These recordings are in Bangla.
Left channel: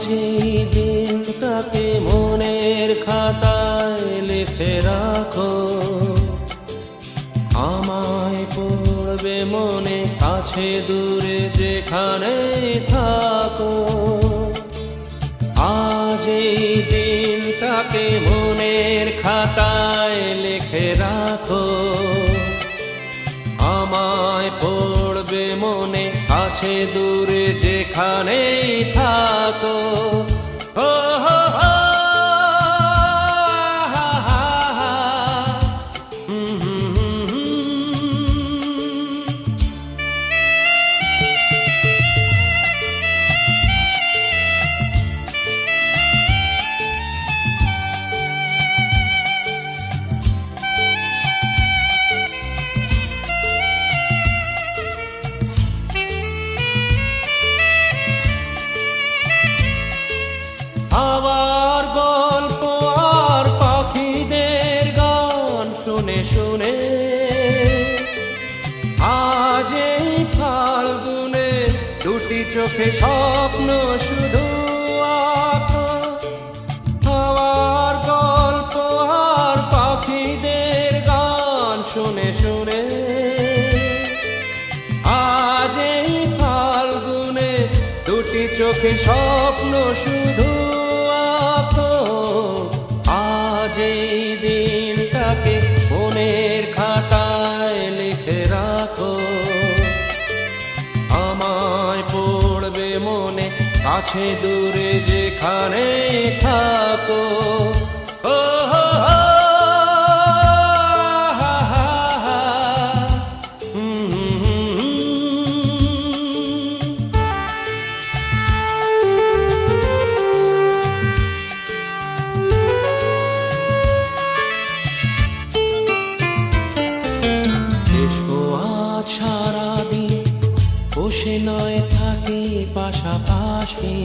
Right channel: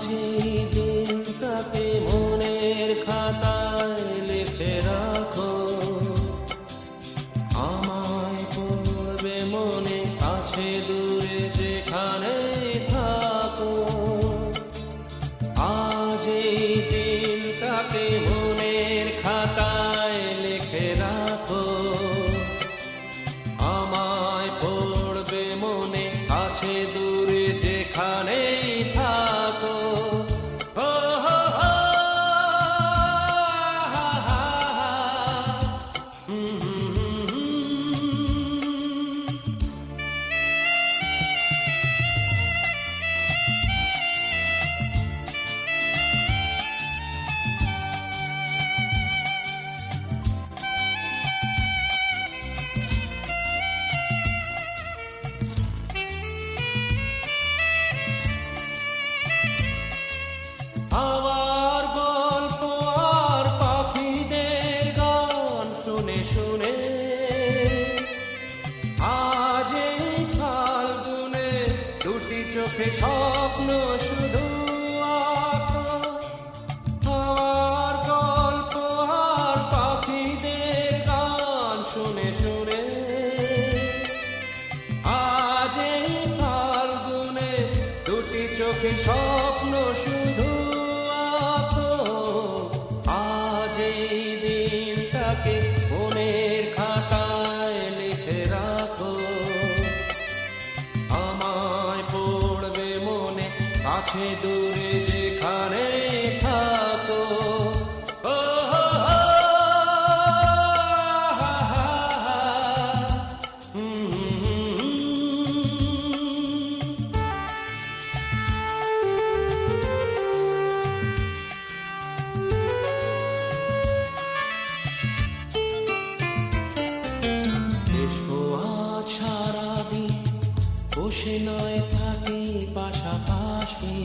আজ এই দিনটাকে মনের খাতায় লিখে রাখো, আমায় পড়বে মনে কাছে দূরে যেখানে থাকো। আজ এই দিনটাকে মনের খাতায় লিখে রাখো, আমায় পড়বে মনে কাছে দূরে যেখানেই থাকো। ও হো হো, হা হা হা, হাওয়ার গল্প আর পাখিদের গান শুনে শুনে আজ এই ফাল্গুনে দুটি চোখে স্বপ্ন শুধু আঁকো। হাওয়ার গল্প আর পাখিদের গান শুনে শুনে আজ এই ফাল্গুনে দুটি চোখে স্বপ্ন শুধু আঁকো। আজ এই দিনটাকে মনের খাতায় লিখে রাখো, আমায় পড়বে মনে কাছে দূরে যেখানে থাকো। ও হো হো, হা হা হা, আজ সারাদিন বসে নয় থাকি পাশাপাশি,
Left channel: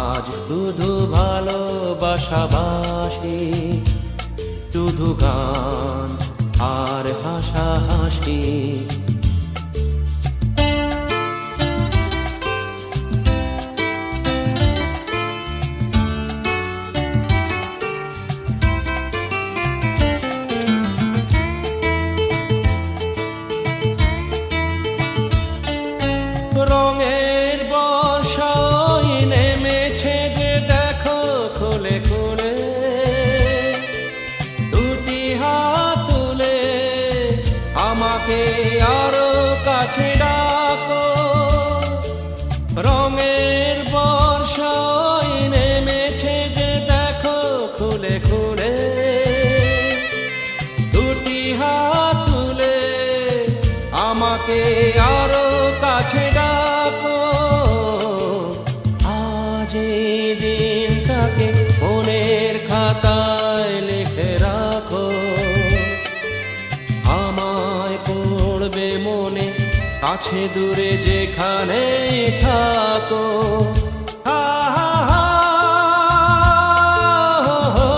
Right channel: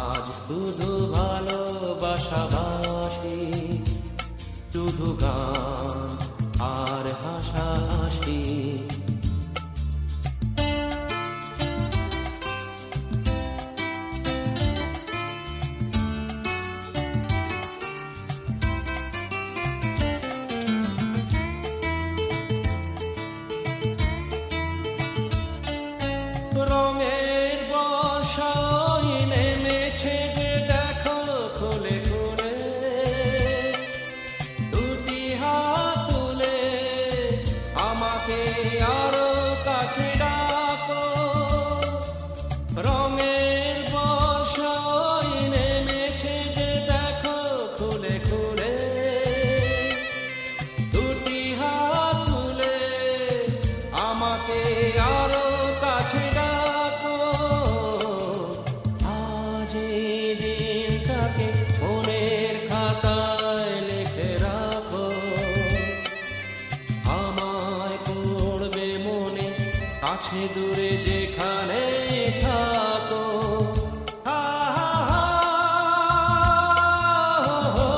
আজ শুধু ভালোবাসাবাসি, শুধু গান আর হাসাহাসি। রঙের বর্ষায় নেমেছে যে দেখো খুলে খুলে, দুটি হাত তুলে আমাকে আরো কাছে ডাকো। রঙের বর্ষায় নেমেছে যে দেখো খুলে খুলে, দুটি হাত তুলে আমাকে আরো কাছে ডাকো। আজ এই দিনটাকে মনের খাতায় লিখে রাখো, আমায় পড়বে মনে কাছে দূরে যেখানে থাকো। হা হা হা, হো হো,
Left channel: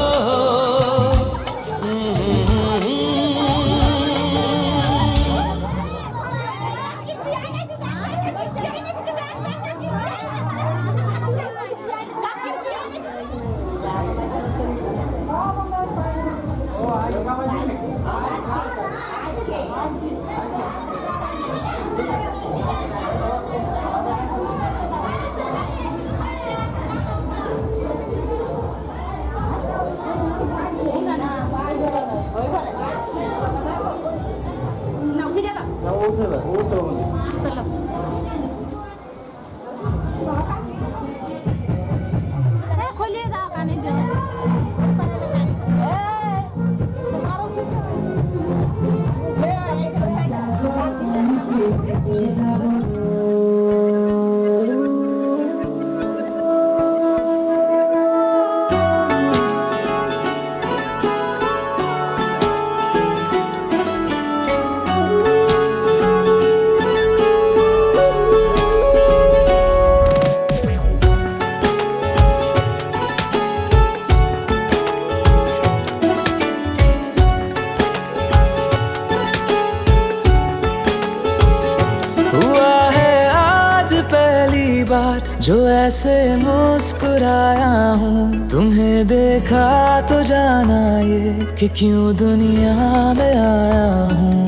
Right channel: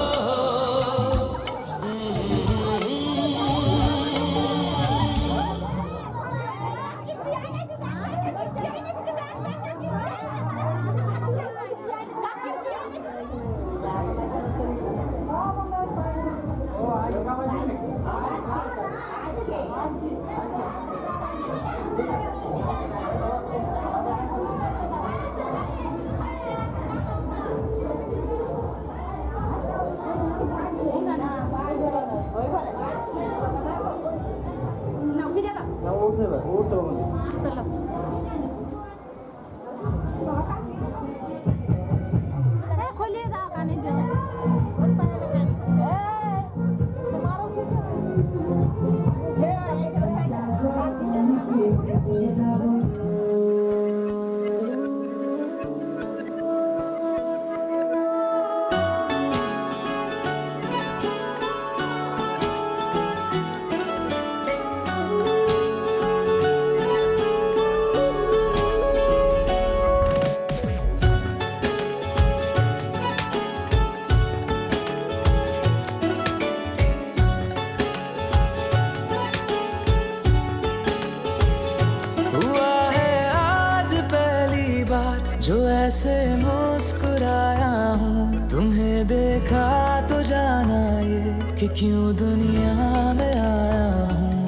बार जो ऐसे मुस्कुराया हूँ, तुम्हें देखा तो जाना ये कि क्यों दुनिया में आया हूँ।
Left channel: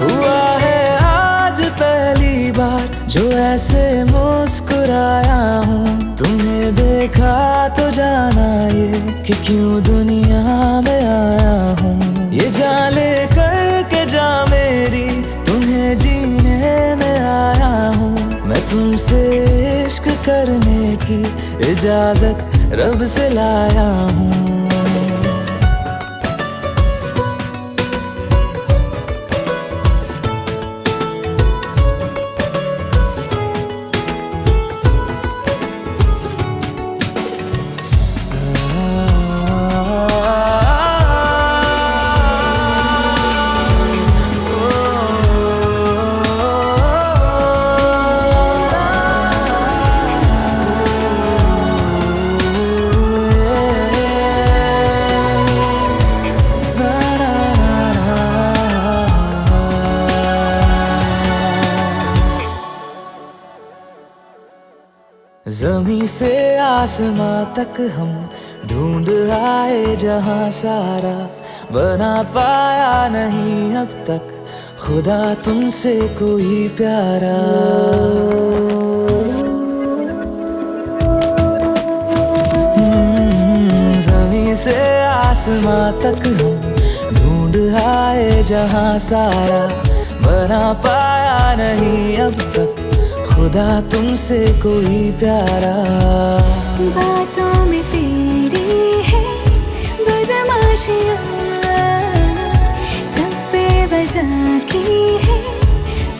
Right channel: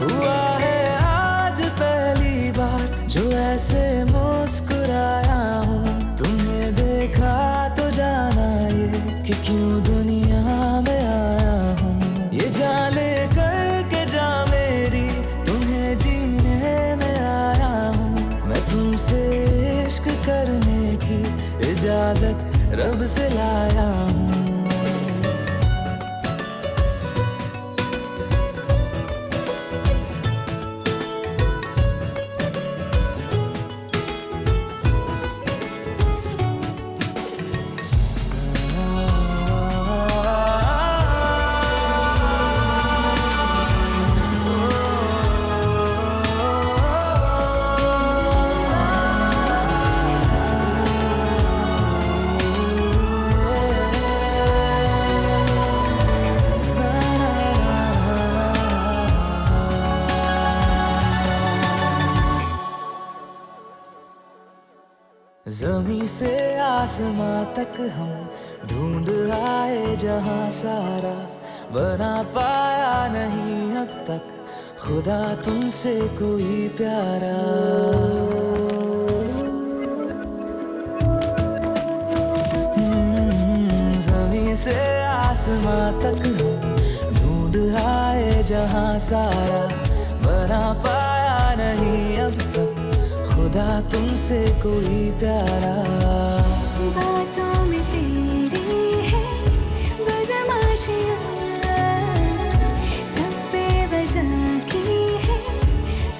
हुआ है आज पहली बार जो ऐसे मुस्कुराया हूँ, तुम्हें देखा तो जाना ये कि क्यों दुनिया में आया हूँ। ये जान ले करके जा मेरी, तुम्हें जीने में आया हूँ। मैं तुमसे इश्क करने की इजाजत रब से लाया हूँ। ज़मीं से आसमां तक हम ढूंढ आए जहां सारा, बना पाया नहीं अब तक खुदा तुमसे कोई प्यारा। ज़मीं से आसमां तक हम ढूंढ आए जहां सारा, बना पाया नहीं अब तक खुदा तुमसे कोई प्यारा। बातों में तेरी है बदमाशियाँ, सब पे वजह की है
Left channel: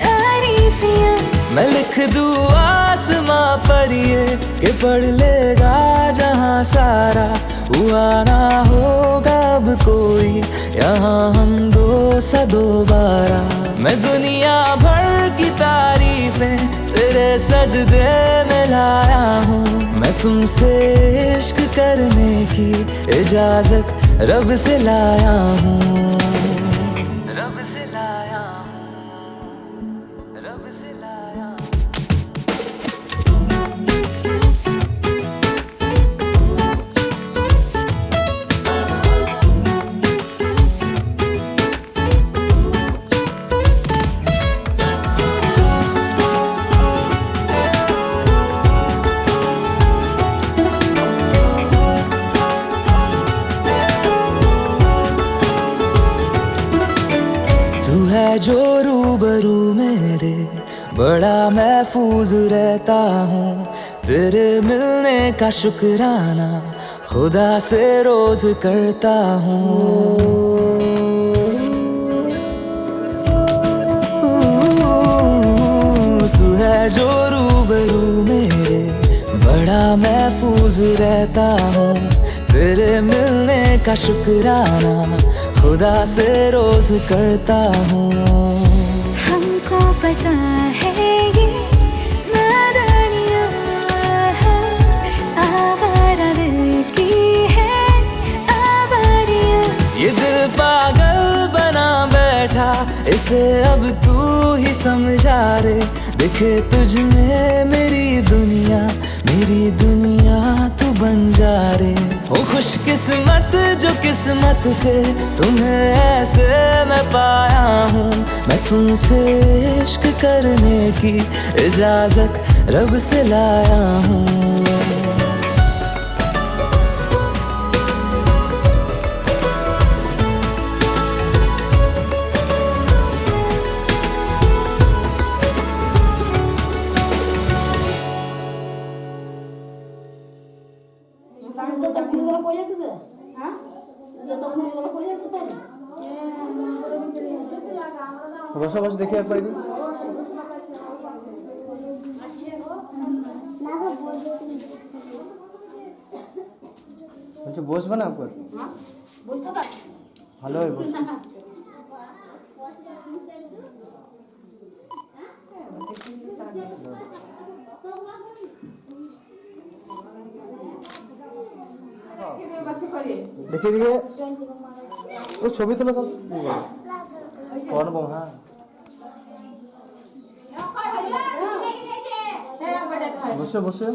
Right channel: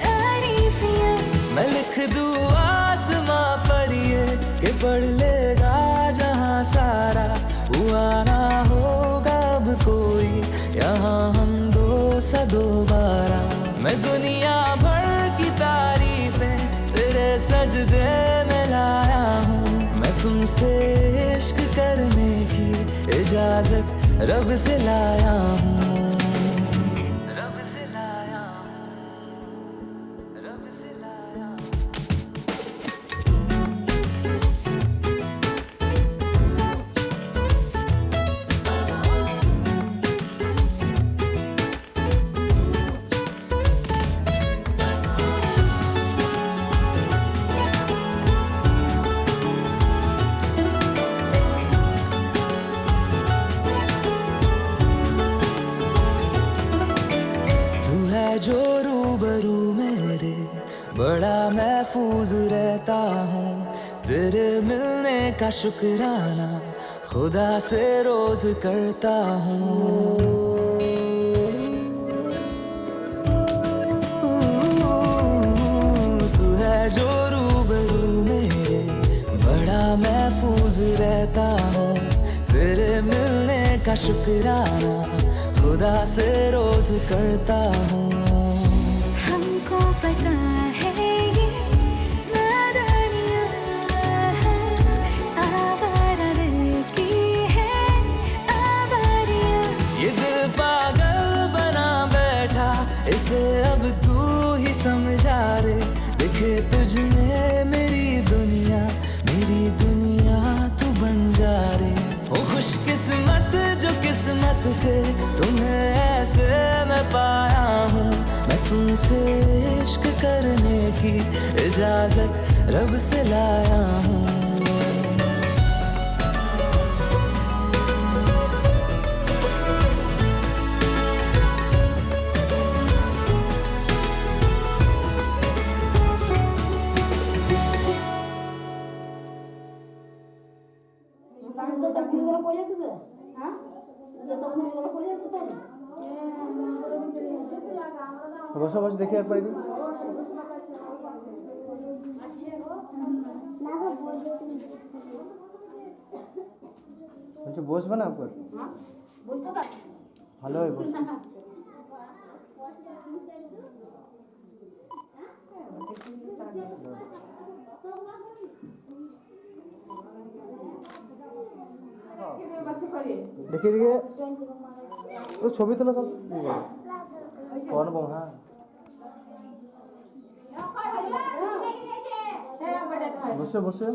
तारीफियाँ। मैं लिख दूँ आसमां पर ये कि पढ़ लेगा जहां सारा, हुआ ना होगा अब कोई यहाँ हम दो सा दोबारा। मैं दुनिया भर की तारीफें तेरे सजदे में लाया हूँ। मैं तुमसे इश्क करने की इजाजत रब से लाया हूँ। रब से लाया हूँ, रब से लाया हूँ। तू है जो रूबरू मेरे, बड़ा महफूज रहता हूँ। तेरे मिलने का शुक्राना खुदा से रोज करता हूँ। तू है जो रूबरू मेरे, बड़ा महफूज रहता हूँ। तेरे मिलने का शुक्राना खुदा से रोज करता हूँ। हमको पता है ये नादानियाँ आवारा दिल की है आवारियाँ। ये दिल पागल बना बैठा, इसे अब तू ही समझा रे। दिखे तुझ में मेरी दुनिया तू बन जा रे। हो खुशकिस्मत जो किस्मत से तुम्हें ऐसे मैं पाया हूँ। मैं तुमसे इश्क करने की इजाजत रब से लाया हूँ। বসো বসো দেখি একবার দিন। বলছি বসবে না একবার, ভালো হয় বসবে। দেখি দিকে ওই ছবি তুলো তো অনুপম হ্যাঁ বসে বসে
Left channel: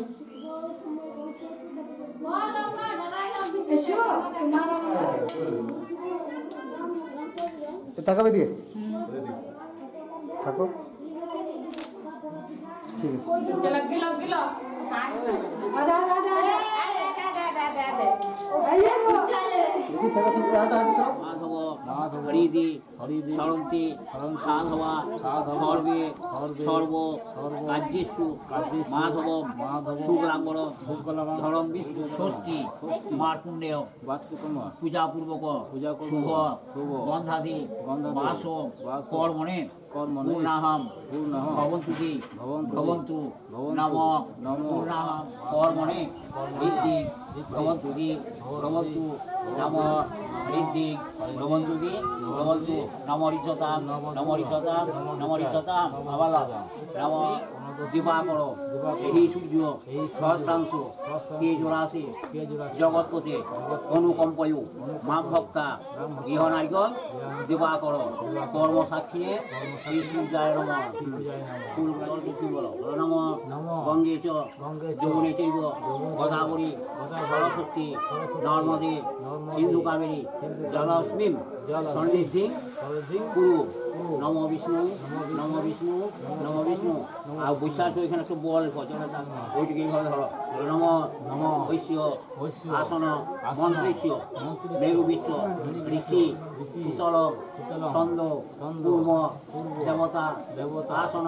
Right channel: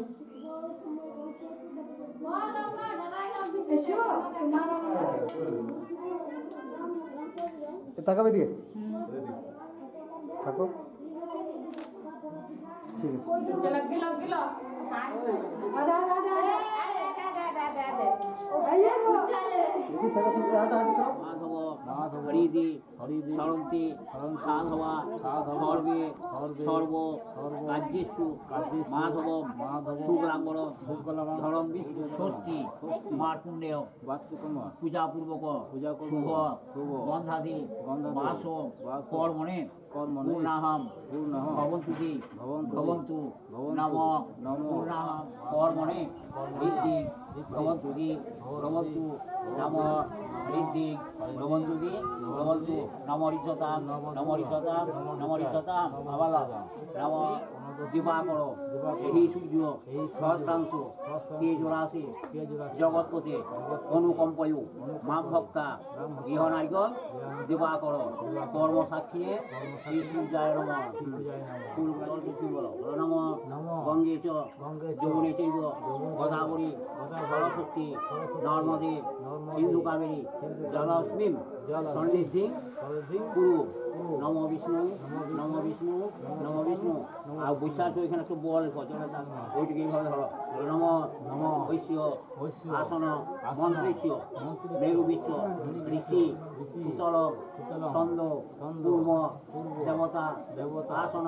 তাকাবে দিয়ে থাকো ঠিক আছে দেখি থাকা তুমি আটা আটছো মাধব হরিদি সরন্তি সাধবা সর্বে সর্ব কার্যেষু মাধব শুক্লাম্বর ধরম বিষ্ণু ষষ্ঠী মার্কুণ্ডেয় পূজাপূর্বক শুভ গন্ধাদি বাস কর্মণে পূর্ণাহম ভবন্তুতি ভবন্তু নম পূর্ণাহম কর্মণে ঋদ্ধি ভবন্তুতি ভবন্তু নম ঋদ্ধি ভবন্তুতি ভবন্তু নম ঋদ্ধতাম নম ঋদ্ধতাম নম ঋদ্ধতাম আবার নম দিবাকর এই সূর্য সহস্রাংশু তেজরাশি জগৎপতি অনুকম্পয়ু মাম ভক্তা গৃহনায়কন দিবাকর কর্মসাক্ষী শ্রী সূর্যায় নম নম গঙ্গে চ যমুনে চৈব গোদাবরী সরস্বতী নর্মদে সিন্ধু কাবেরী জলস্মিন সন্নিধি কুরু নম বিষ্ণু নম বিষ্ণু নম বিষ্ণু আর বিশ্বাস এখানে একটু বল ওইটিকে এইভাবে ধরো নম নম ঐশ্য আসন মন্ত্রেশ্য মেরু বিশ্ব ঋষি শীতল ছন্দ কুর্ম দেবতা আসন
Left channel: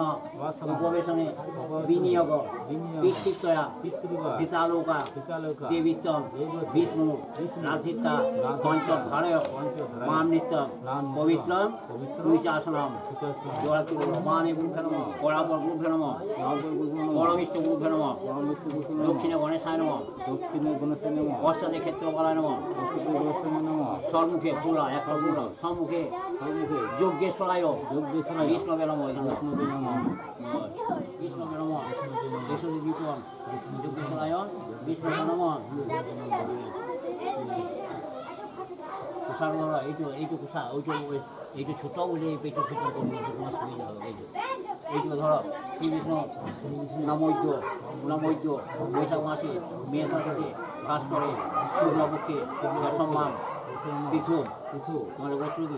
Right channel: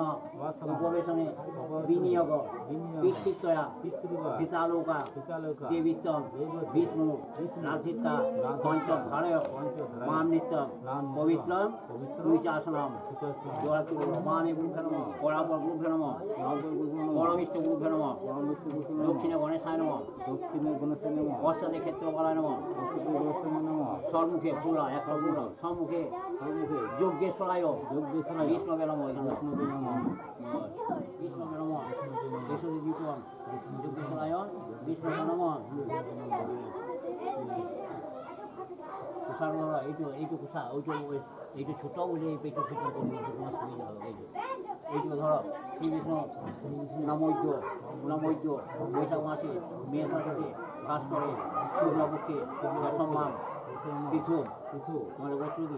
উপবেশনে বিনিয়োগ পিতৃত্বয়া পিতালোকা দেবীত্বম বিষ্ণু রাধিতা পঞ্চধারয় মাম নিত্য পবিত্র তুচাসনম মানে গুরুভে নম বরাবর গুরুভে নম পরমিষ্ঠ গুরুভে নম দক্ষিণে গণেশায় নম পশ্চাতে ক্ষেত্র বলায় নম সম্মুখে পুরা এক সম্মুখে যজ্ঞেশ্বরায় বিষ্ণবে নম বিষ্ণবে নম বিষ্ণু বিক্রম যজ্ঞেশ্বরায় বিষ্ণবে নম কুষার এইটু কুষা এইটু ছোট বলে এই পেটু ছোট করবো তোমার সুবিধা হবে এইটু ধরো শ্রী বিষ্ণু নমৈদ্য বৈশাখ মাসে মেষ মাসে বাস করে শুক্লপক্ষে সম্মান পৃথু তোমাদের গোত্র কি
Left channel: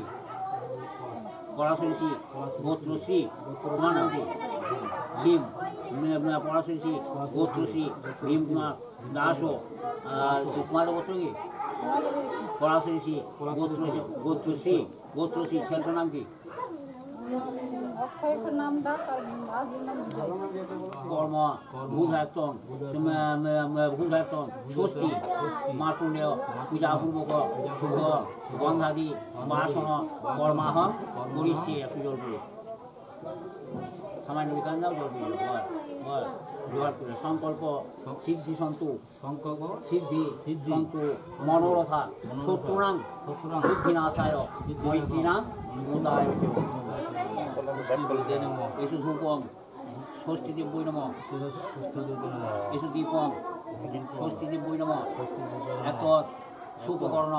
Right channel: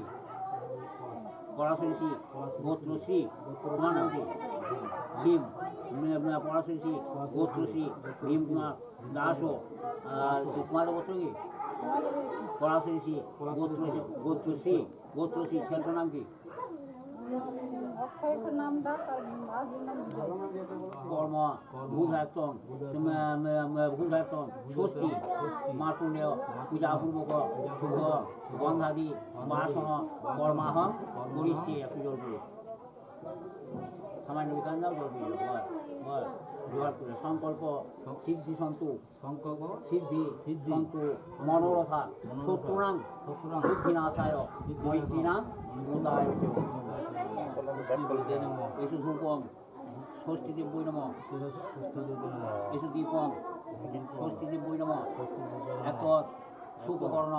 পড়াশোনা গোত্রশ্রী তোমার নাম কি ভীম পড়াশোনা গোত্রশ্রী ভীম কুমার দাসও আর তোমাদের গোত্র কি পড়াশোনা গোত্রশ্রী ছেলেটার নাম কি কর্ম ভূধায়তন ষষ্ঠী মার্কুণ্ডেয় পূজাপূর্বক শুভ গন্ধাদি বাসন কর্মাহম করিষ্যে একটু জল করে সামান্য বিকাশ দাও জল দিয়ে জোগাড় করে সংকল্প সিদ্ধি সন্তু সংকল্প সিদ্ধি সন্তু মনোরথা শত্রুনাং বুদ্ধিনাশায় মৈত্রীনাং মুদায় এসু ধূপম ষষ্ঠীদেব বৈ নম এসু দীপম ষষ্ঠীদেব বৈ নম এত সুপকর্ণ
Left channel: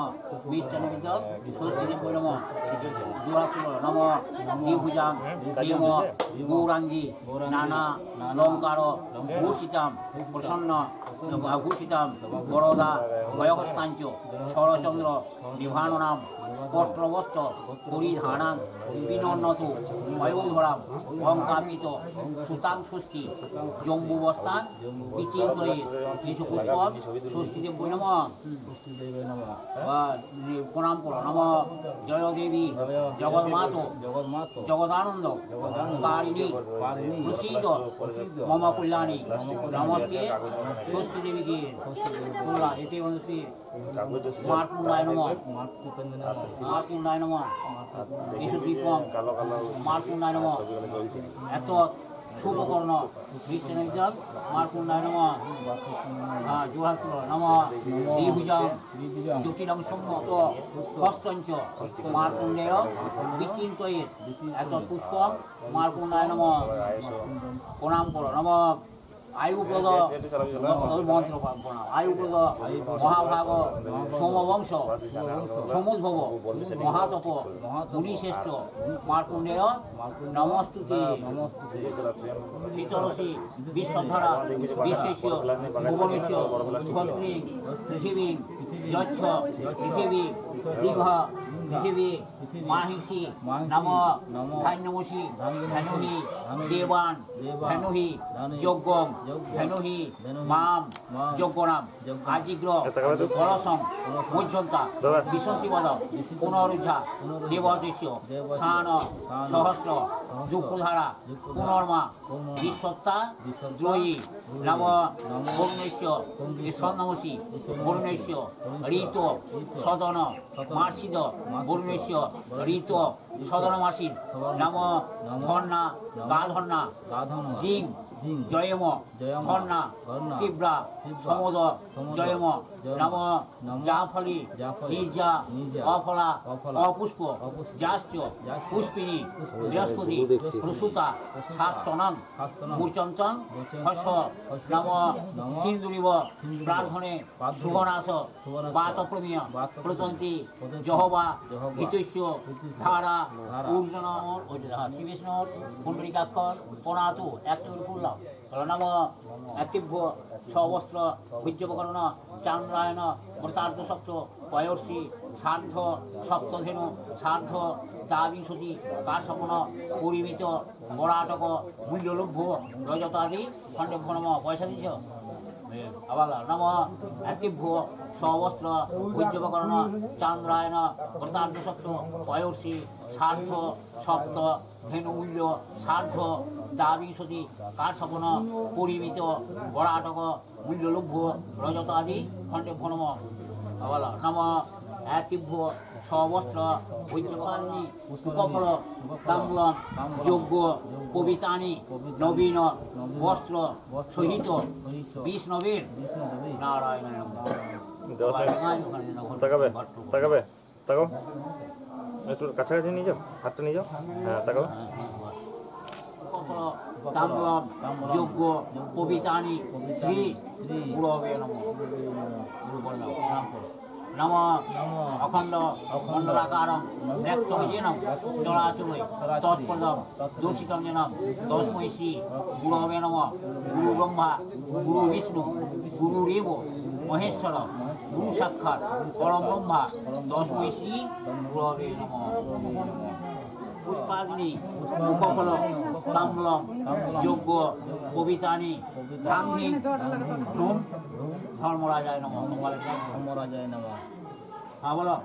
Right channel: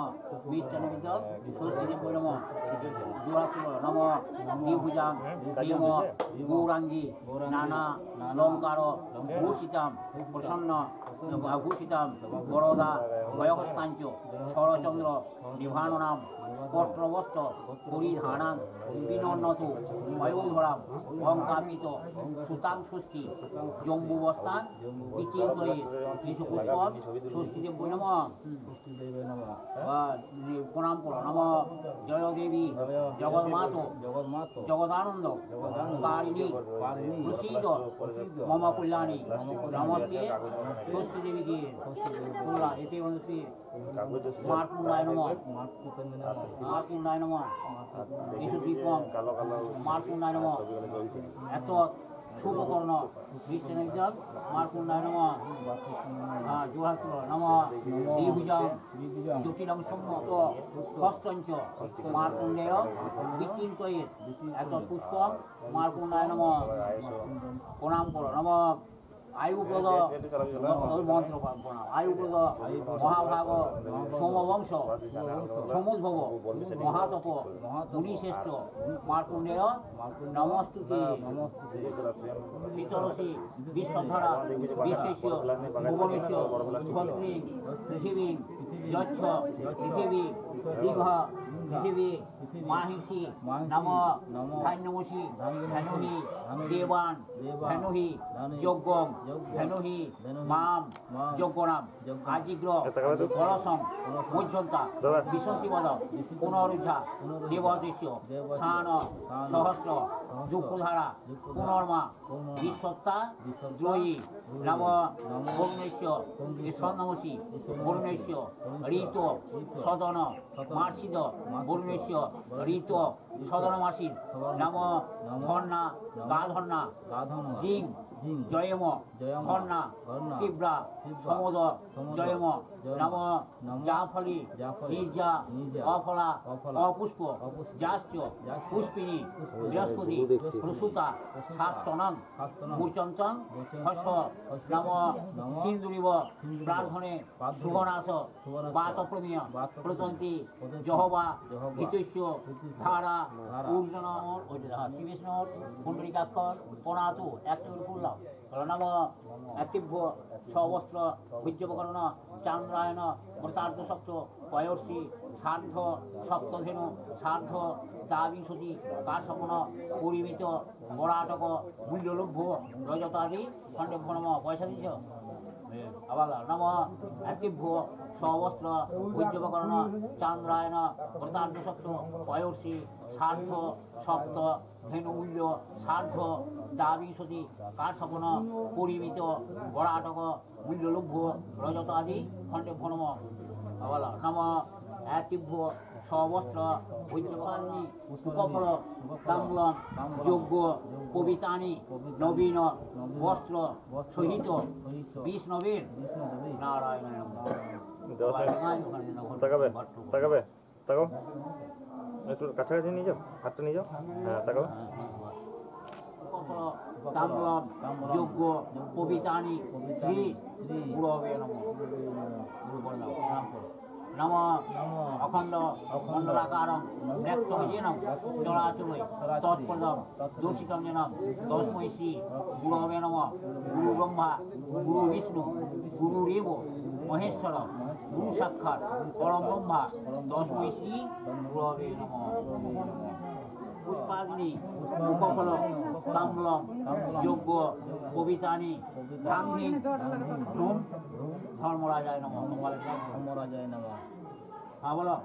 মিষ্টান্বিত ষষ্ঠীদেব বৈ নম জোড়াতুল নম দ্বিভুজাং প্রেম গৌরাঙ্গী নানা লঙ্কার ভূষিতাম প্রসন্ন ভূষিতাম বরদা ভয়হস্তাঞ্চ শরচন্দ্র বিভাননাম পত্রবস্ত্র পরিধানাং বিনন্নত অয়োধরাম অঙ্কাপিত সুতাং ষষ্ঠী জম্বুবস্থান বিচিন্তয়ে কিছু পুষ্পম ষষ্ঠীদেব বৈ নম প্রণাম করো নম জয় দেবী জগন্মাত জগদানন্দ কারিণী প্রসীদ মম কল্যাণী নমস্তে ষষ্ঠী দেবীকে এতে অনুষ্ঠী মার্কুণ্ডায় নম মার্কুণ্ডায় নম এসু দীপম মার্কুণ্ডায় নম এত শুভকর্ণ বিষ্ণুবিদ্যাক মার্কুণ্ডায় নম জোহার নম দ্বিভুজাং জ্যোতিরাম সম্মত হস্তঞ্চ মার্কুণ্ডেয় বিচিন্তয়ে এত পুষ্পম মার্কুণ্ডায় নম প্রণাম করো নম আয়ুপ্রদ মন্ত্র প্রণাম আয়ুপ্রদ মহাভাগ সোমবংশ সমুদ্ভব মহাতপ মুনিশ্রেষ্ঠ মার্কণ্ডেয় নমস্তুতে পিতরসি বিশ্বধারা বিশ্বেশ্য ভুবনেশ্য ধরিত্রী পৃথিবী যচ্ছ পৃথিবী দীঘ পৃথিবী মাহিষী নম ধান্যমসি ধনুহি দেবান ধনুহি যজ্ঞম ধনুহি মাম যজ্ঞনাম আজিগ্র কলসং মধ্যন্তা বিশন্তিপদ পুনরুদ্ধা দেবদেশ্য স্থান সহস্র যুগধারা পুনর্মা বিশ্বত্তা দ্রয়ী নম বরুণেশ্য স্বর্ণমসি বরুণেশ্য ঋত সদন মার্ষিদ বরুণেশ্য ঋত সদন মাসিদ নম ধর্ণা গাধর্ণা জিং জয়ম ধর্ণা তীব্রা সমোদ জয়ম নম জাফলি নির্জা অফলা অপুষ্প জাস্য পুষ্পিনী বৃহস্পতি প্রসূতা শাস্তনং মূর্চন্তং হস্য নম সিন্দুরিব প্রার্থনে সুগনাশ বাতপ্রমেয় প্রতন্তি জহবা হিতৈষ্য ধারা ঊর্জন শ্রীবিষ্ণ কুণ্ডলিকাক্ষর প্রণাতু এক তৈরি করলাম নম তীব্র সবস্ত্র বৈদ্যপকরণ চান্দ্রায়ণ মৃতার্ধ সপ্ত পয়র্ষি সার্ধ সপ্তধেনু সার্ধ দাবিংশতি কার্ষপণ পরিমিত বরাটক মূল্যলভ্য রজতাদি খণ্ডভ্য নম পয়সা দিচ্ছ আবার নম তীব্র সবস্ত্র বৈদ্যপকরণ চান্দ্রায়ণ মৃতার্ধ সপ্ত পয়র্ষি সার্ধ সপ্ত ধেনুমূল্য সার্ধ দাবিংশতি কার্ষপণ পরিমিত বরাটক মূল্যলভ্য রজতাদি খণ্ডভ্য নম আবার নম তীব্র সবস্ত্র বৈদ্যকান্নি উপফল তাম্বুলম যজ্ঞ কবিতানি নবীন বস্ত্র সহিত বিষ্ণবের নারায়ণ তাকাবে তাকাবে তাকাও একটু কাছাকাছি নিয়ে যাও হাতটা নিয়ে যাও হ্যাঁ তাকাও তাম্বুলম যজ্ঞ কবিতানি শ্রী গুরবে নম অখণ্ড মণ্ডলাকারং ব্যক্তবিজেনম চরাচরে তৎপদম দূষিতম যেনম তস্मै শ্রী গুরবে নম গুরু ব্রহ্মা গুরু বিষ্ণু গুরুরেব মহেশ্বর গুরু সাক্ষাৎ পরম ব্রহ্মা তস্मै শ্রী গুরবে নম পুষ্পাগ্নি উপফল তাম্বুলম যজ্ঞ কবিতানি গান্ধী ধর্মরাজায় নম ধর্মরাজায় নম হ্যাঁ বলো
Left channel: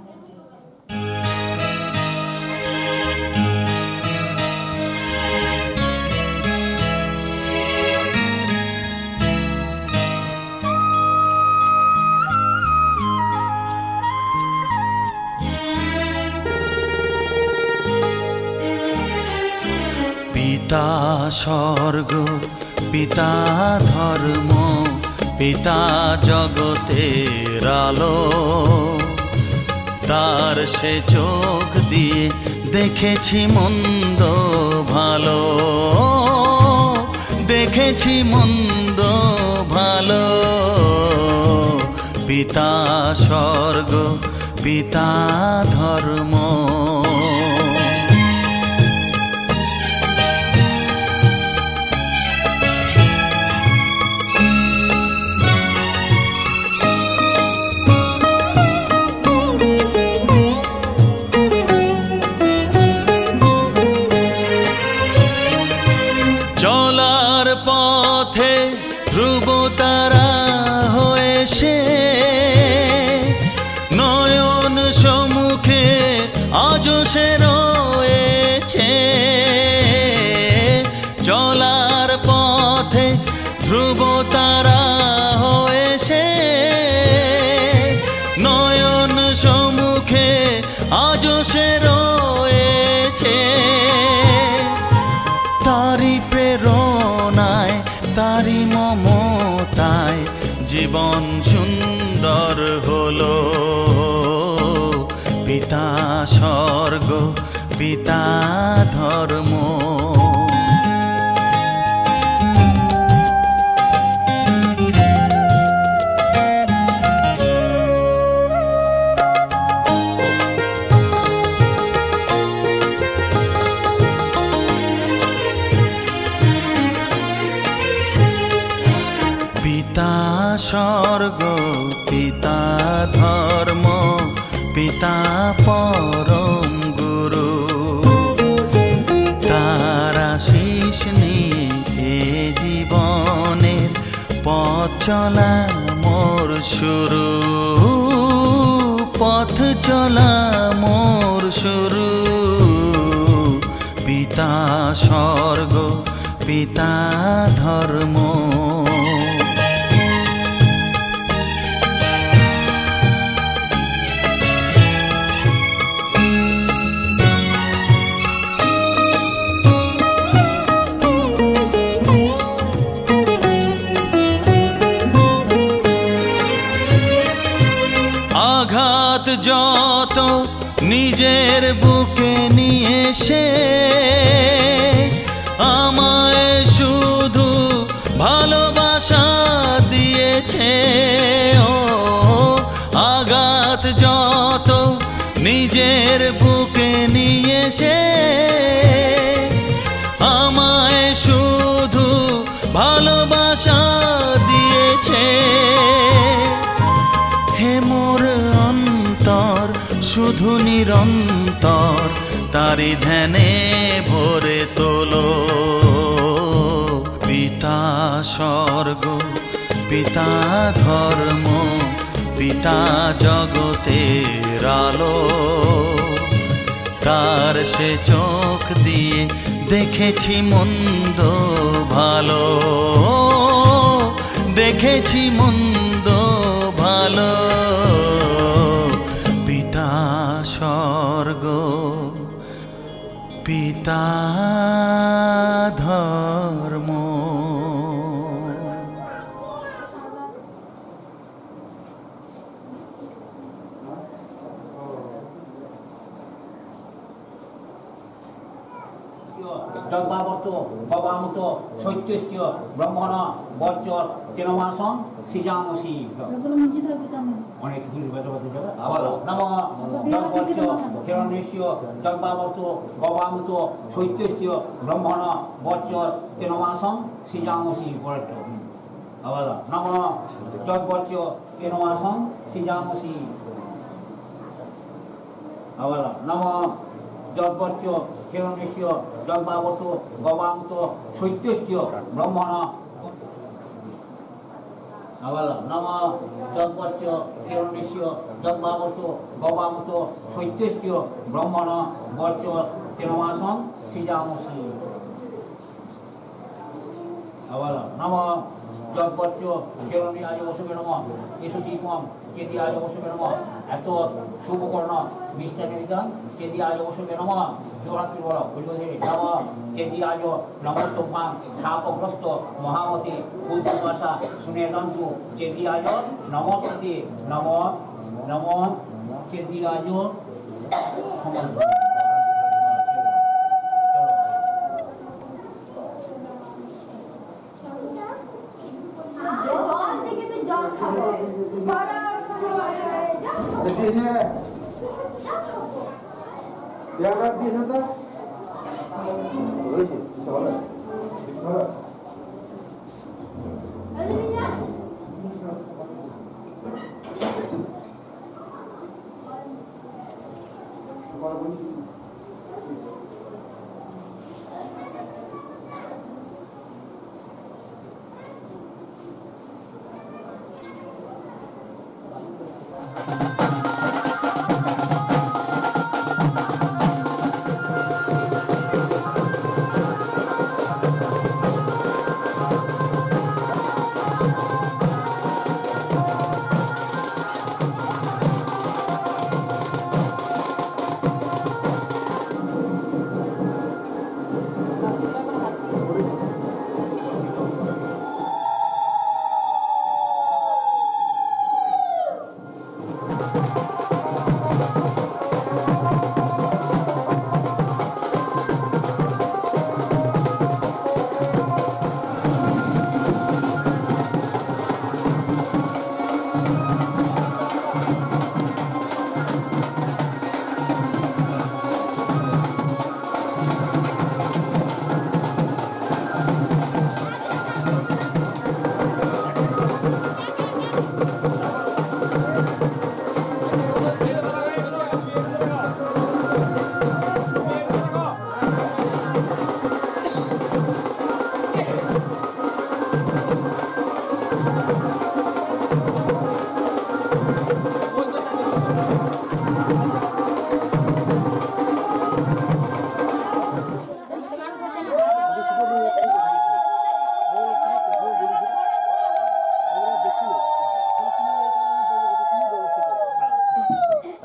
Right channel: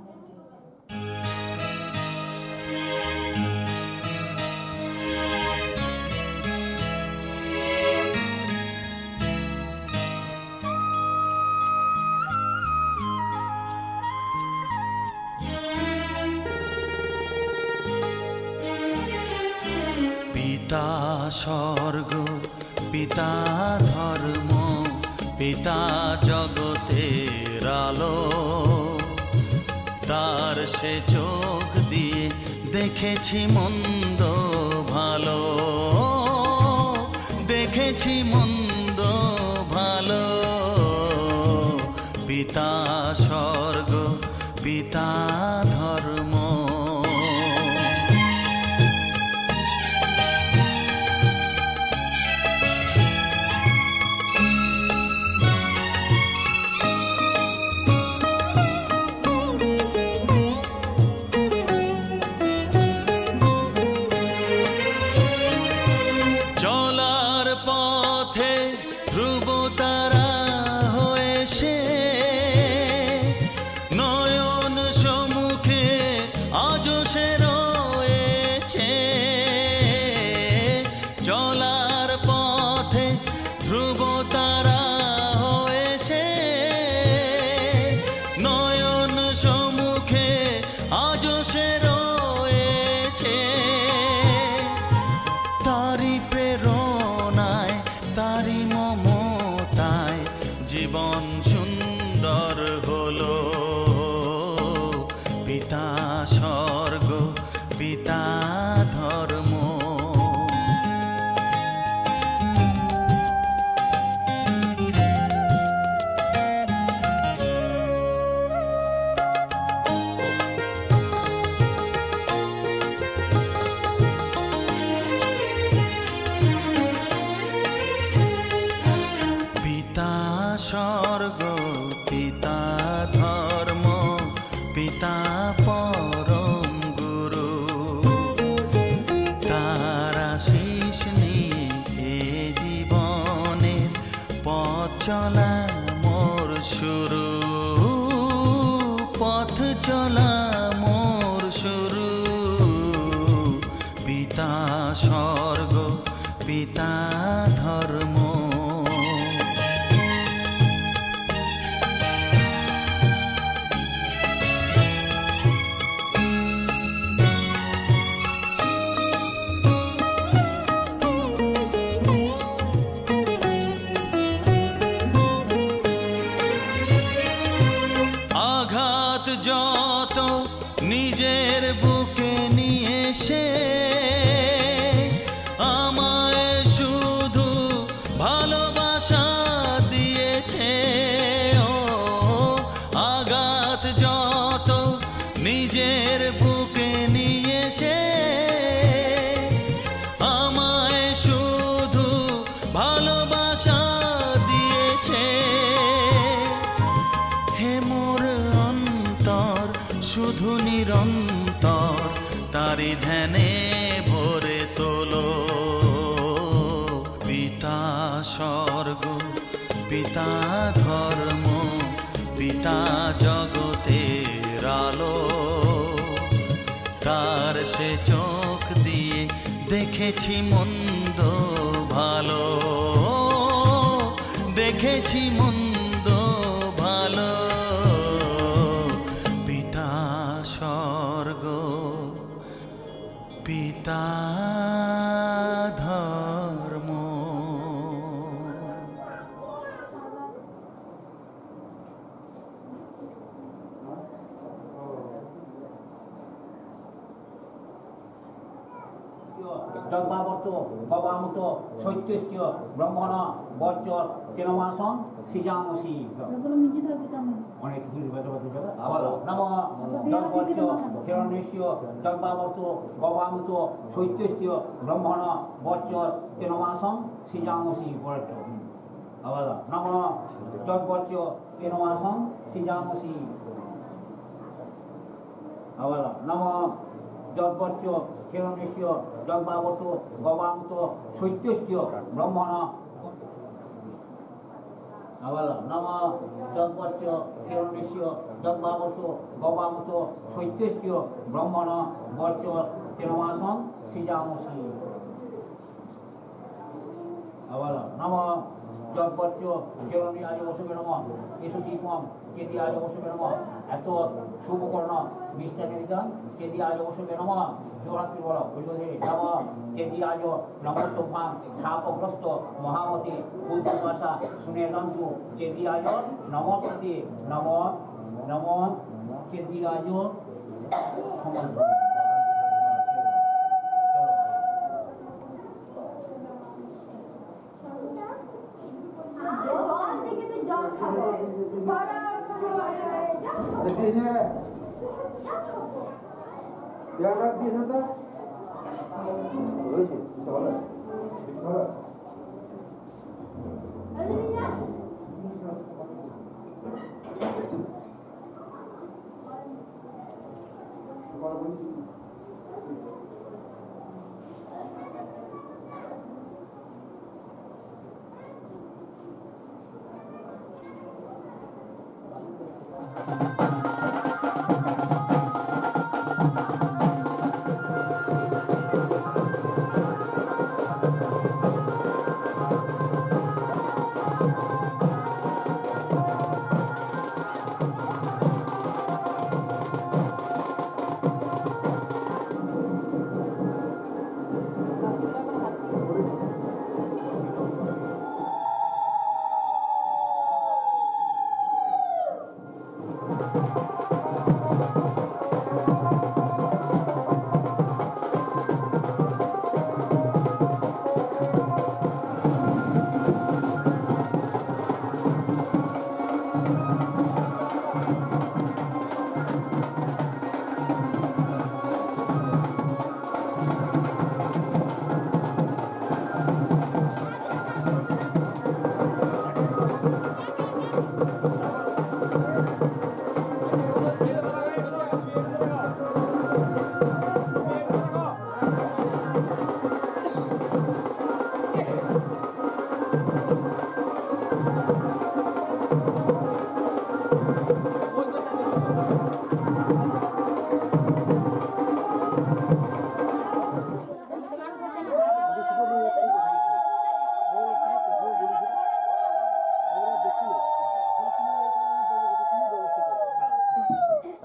পিতা স্বর্গ পিতা ধর্ম পিতা জগতের আলো তার সে চোখ দিয়ে দেখেছি মন্দ ভালো দেখেছি মন্দ ভালো পিতা স্বর্গ পিতা ধর্ম চলার পথে ধ্রুব তারা হয়ে সে নয়ন সম্মুখে আজ সে রয়েছে চলার পথে ধ্রুব তারা হয়ে সে নয়ন সম্মুখে আজ সে রয়েছে তারি প্রেরণায় তারি মমতায় জীবন সুন্দর হলো পিতা স্বর্গ পিতা ধর্ম চলা মোর শুরু, পথ চলা মোর শুরু। পিতা স্বর্গ পিতা ধর্ম, আঘাত যত নিজের বুকে নিয়ে সে আমায় শুধু ভালোবাসা দিয়েছে। ও আঘাত যত নিজের বুকে নিয়ে সে আমায় শুধু ভালোবাসা দিয়েছে। হে মোর অন্তর শুধু নিরন্তর তারি ধ্যানে ভরে তোলো। পিতা স্বর্গ পিতা ধর্ম পিতা জগতের আলো। তার সে চোখ দিয়ে দেখেছি মন্দ ভালো, দেখেছি মন্দ ভালো। পিতা স্বর্গ পিতা ধর্ম। জগবাবর্ত ভবামত সৈত্যস্য ব্রহ্মণ বর্চ তেনমাসং সৃজামসি। অনেক কিছু আবার নম জগবর্চ হিরণ্যস্য জগবাবর্ত ভবামত সৈত্যস্য ব্রহ্মণ বর্চ তেনমাসং সৃজামসি। পরেরটা আবার নম জগবর্চ তেনমাসং সৃজামসি। আবার নম জগবর্চ হিরণ্যস্য জগবাবর্ত ভবামত সৈত্যস্য ব্রহ্মণ। আবার নম জগবর্চ হিরণ্যস্য জগবাবর্ত ভবামত সৈত্যস্য ব্রহ্মণ বর্চ তেনমাসং সৃজামসি। আবার নম জগবর্চ হিরণ্যায় বসুবে নম এসু দীপম চেদিয়ায় বসুবে নম। এত শুভকর্ণ মিষ্টানিদান চেদিয়ায় বসুবে নম। জোরাত্রি বড় বুঝবে নম চেদিয়ায় নমস্তম্পাং শাপগ্রস্ত মহামতি উদ্ভাষা শুনে দন্তু চেদিয়ায় নমস্তে নম নম চেদিয়ায়।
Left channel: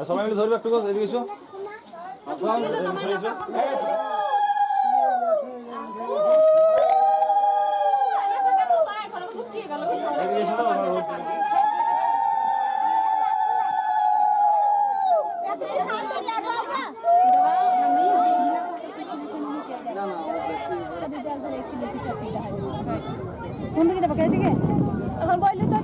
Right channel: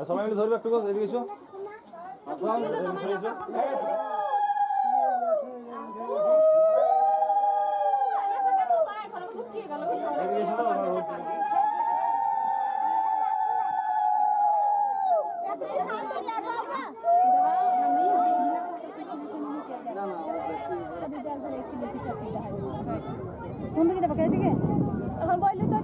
সবাই মিলে ধরবে একটু এদিকে এসো কোন দিকে যাবো এদিকে এখন বললি তো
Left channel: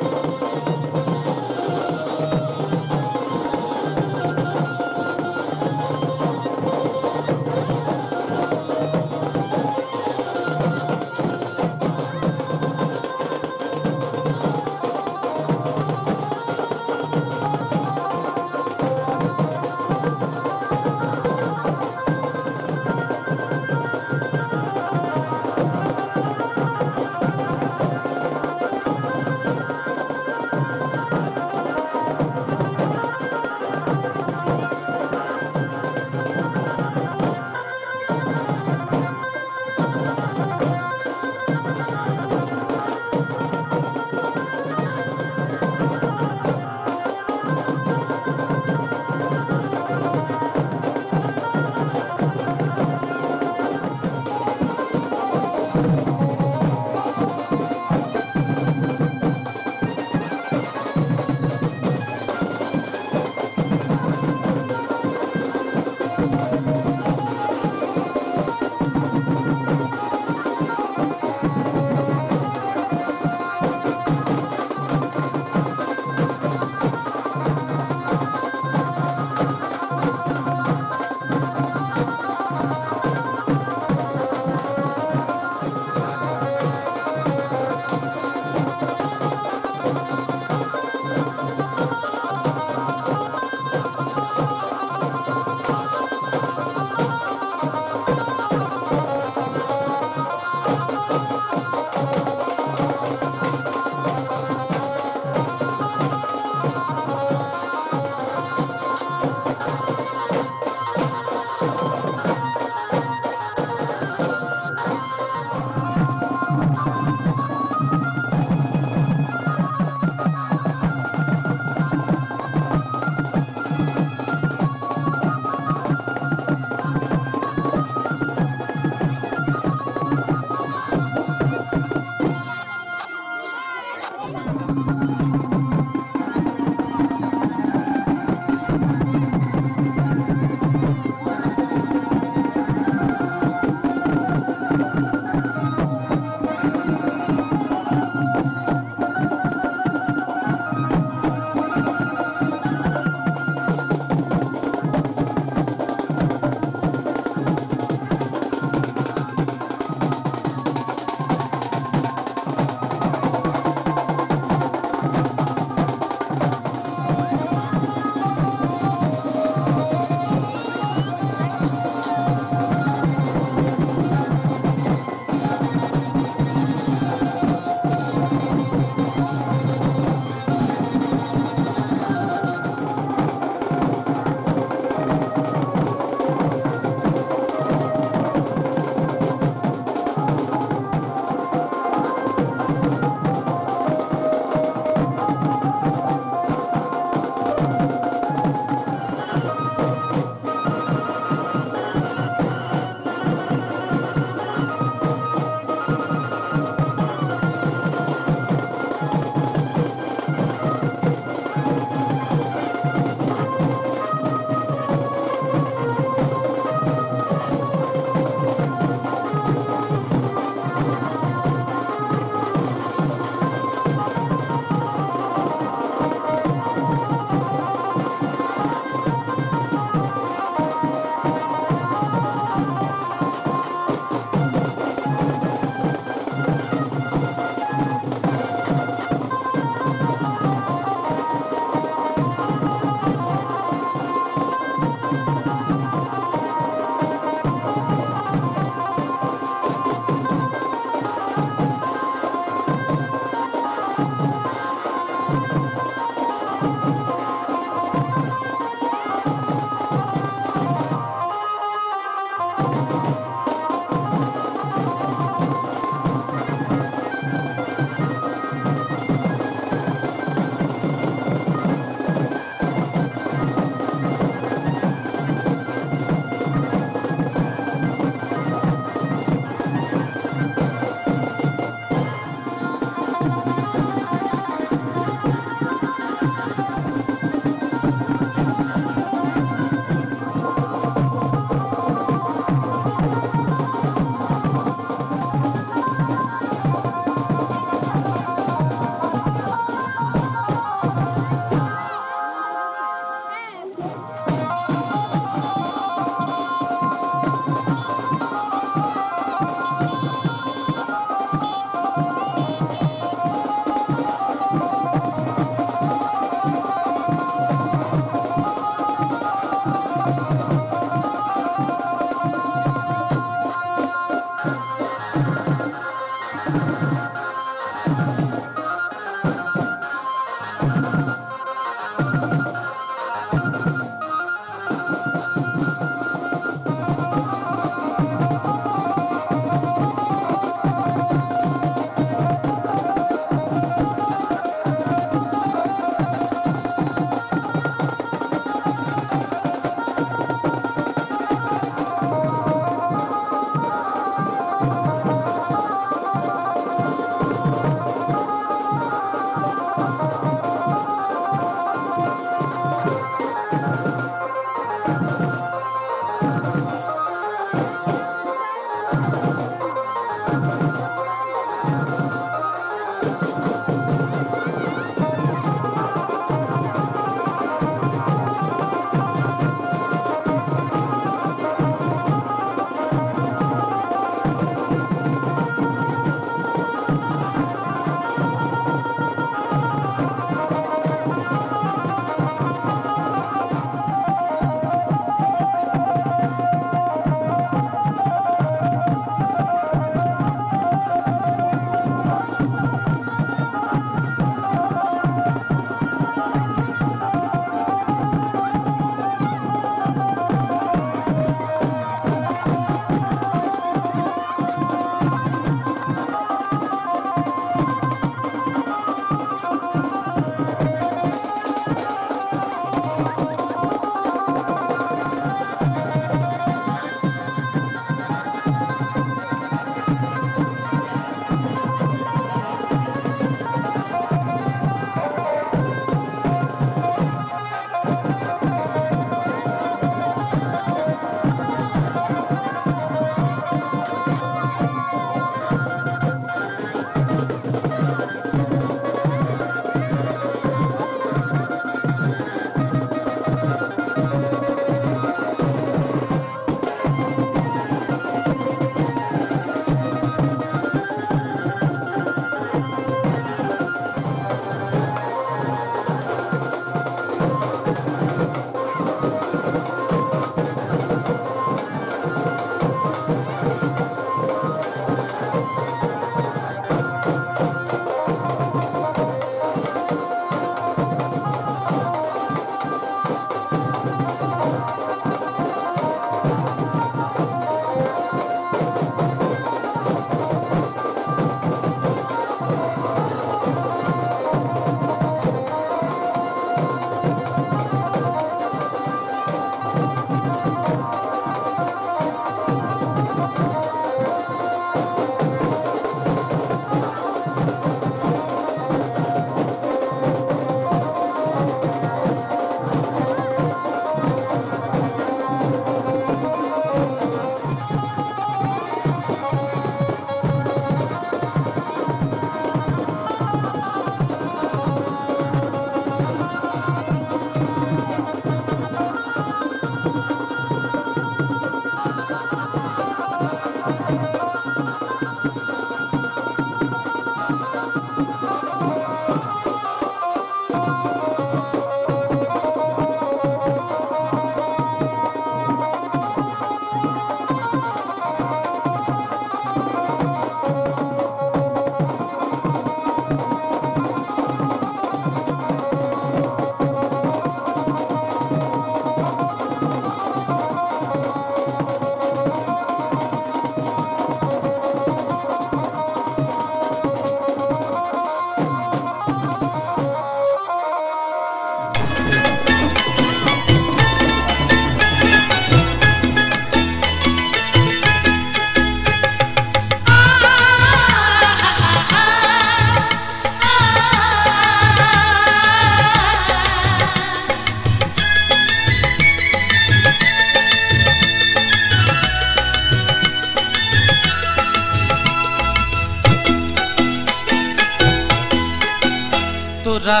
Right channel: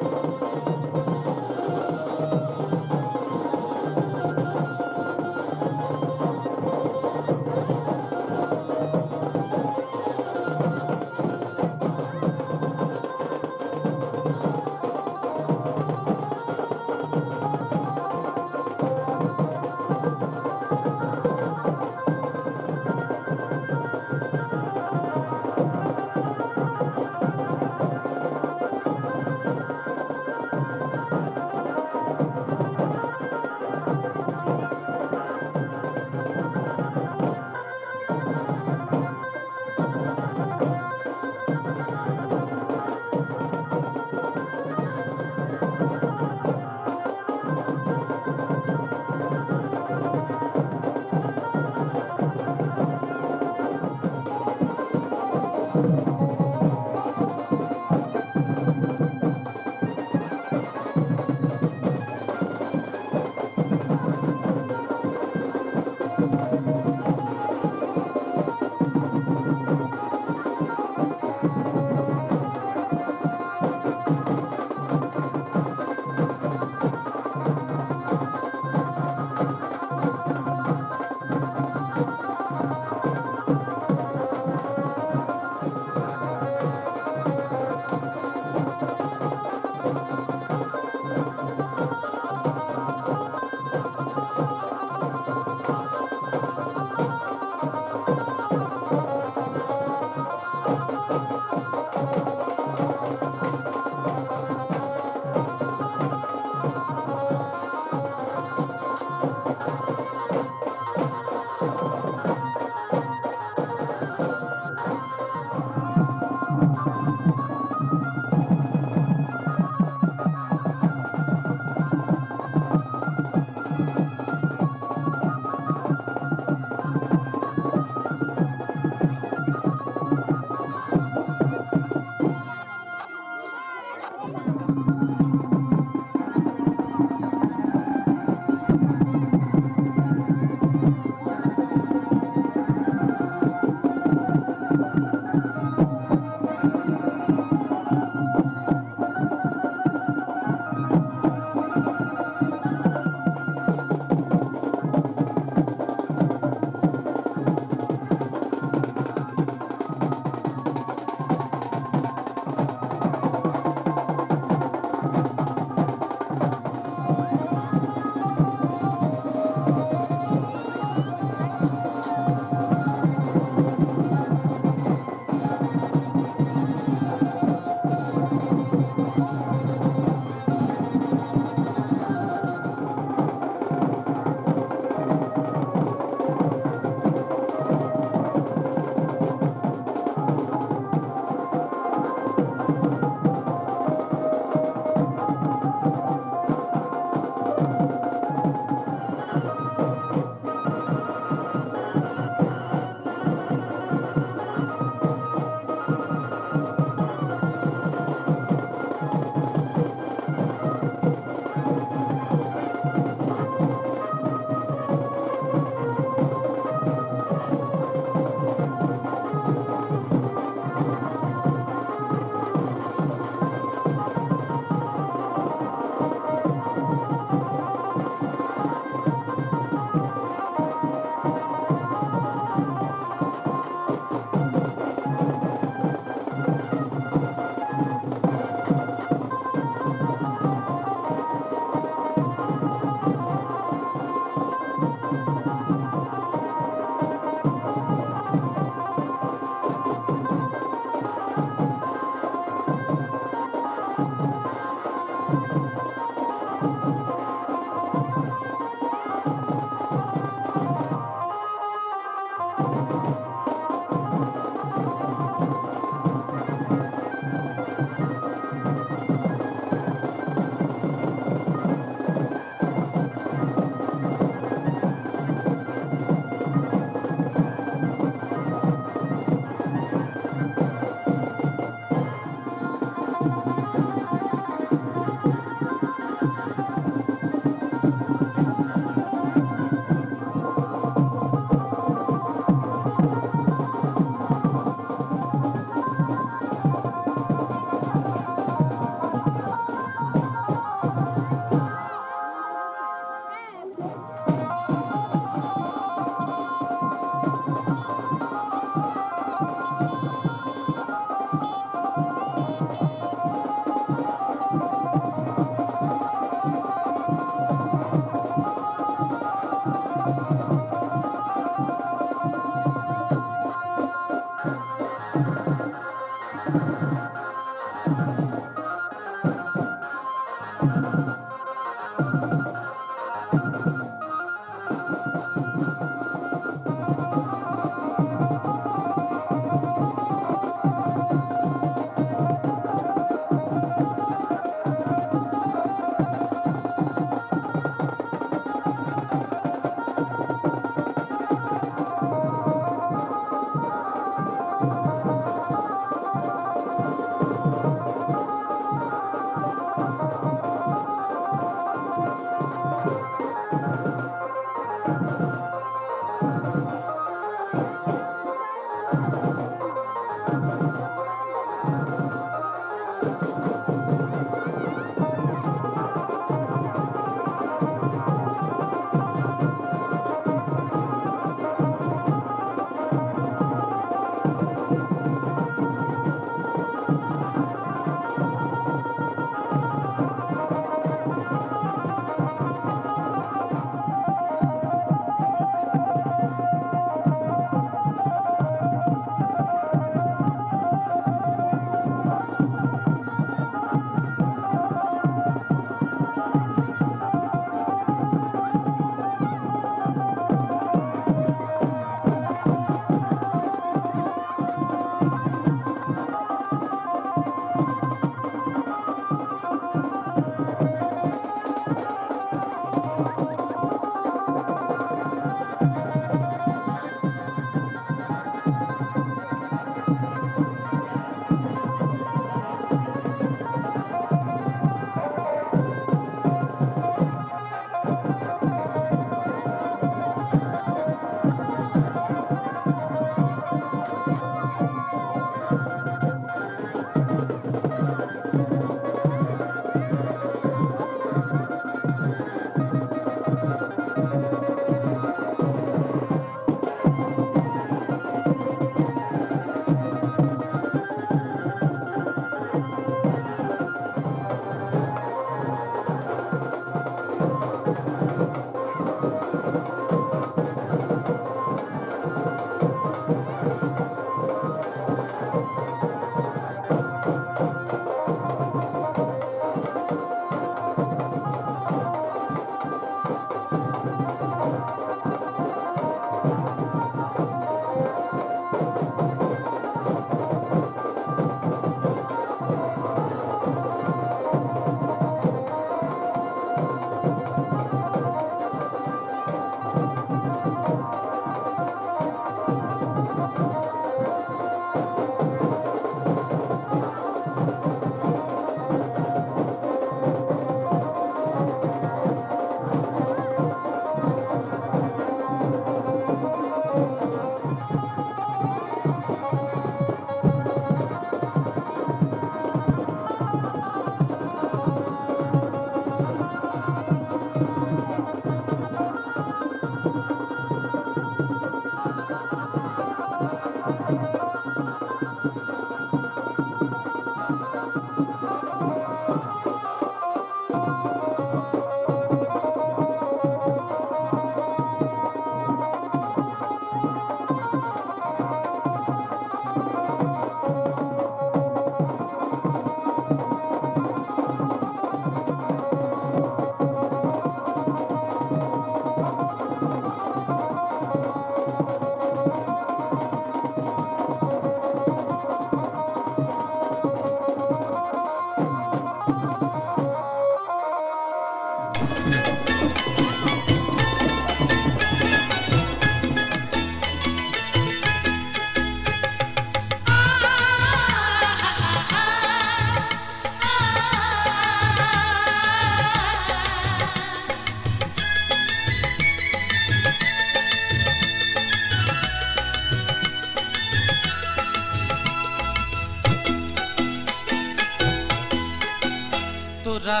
তোরা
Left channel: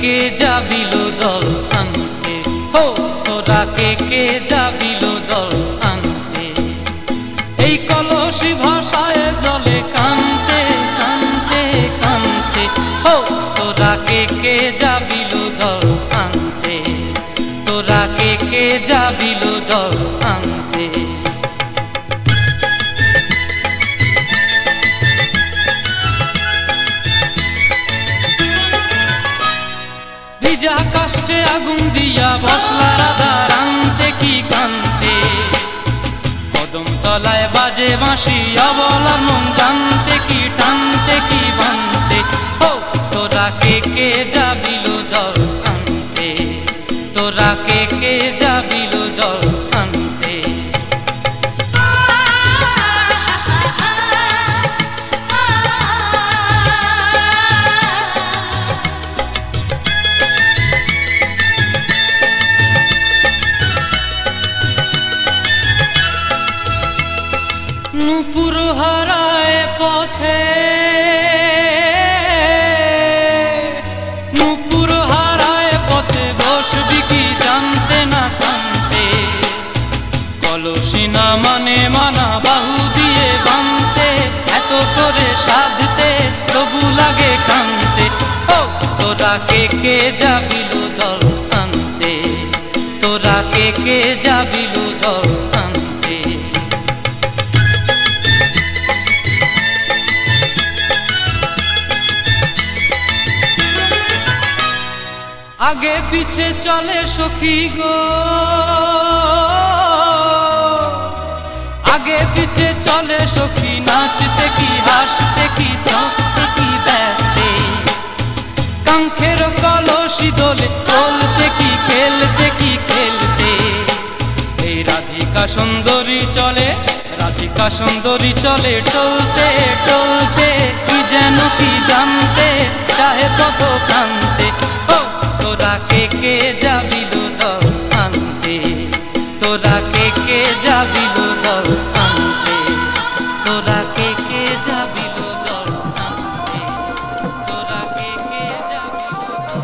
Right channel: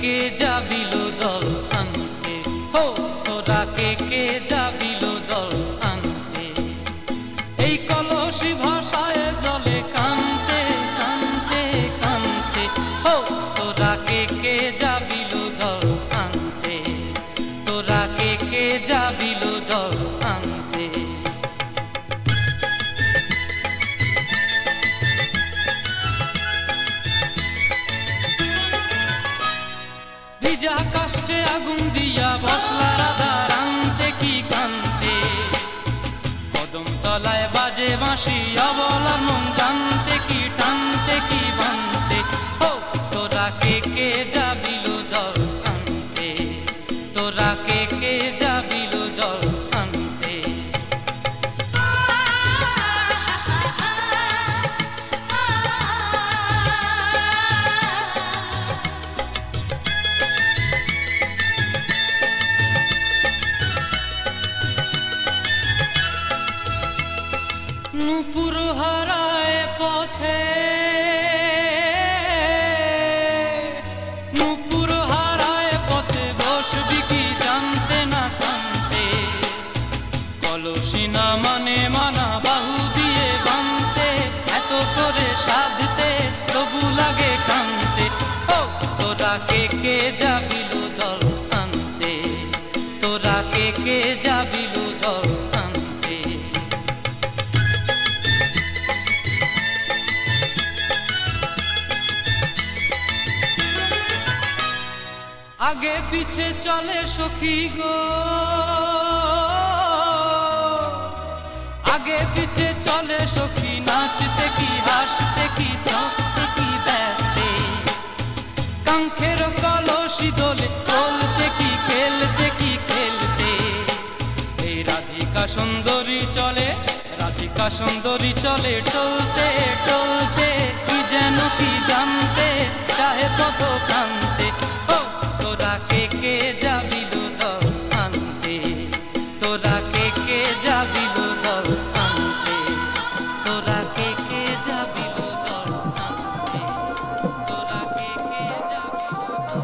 কে যাবিল জল আনতে, হো তোরা কে যাবিল জল আনতে, এই কলসি ভাষায় জলে কানতে কানতে কানতে, হো তোরা কে যাবিল জল আনতে, তোরা কে যাবিল জল আনতে। ভিজা কাষ্টে আগুন দিয়া বসলাম হাসি অবলার মন জানতে কি টানতে কি বানতে ও তোরা কে কে যাবিল জল আনতে তোরা কে কে যাবিল জল আনতে নূপুর হারায় পথে নূপুর হারায় পথে বসবি কি জানতে না কানতে কলসি না মানে মানা বাহু দিয়ে বানতে এত করে সাধতে তবু লাগে কানতে ও তোরা কে কে যাবিল জল আনতে তোরা কে কে যাবিল জল আনতে আগে পিছে চলে সখী গো আগে পিছে চলে সখী নাচতে কি হাসতে কি দস্তে কি ব্যস্তে কাঙ্ক্ষের কলসি দোলে বলতে কি খেলতে কি খেলতে এই রাধিকা সুন্দরী চলে টলতে টলতে কি যেন কি জানতে চাহে পথ কান্তে ও তোরা কে কে যাবিল জল আনতে তোরা কে কে যাবিল জল আনতে তোরা কে কে যাবিল জল আনতে তোরা কে কে যাবিল জল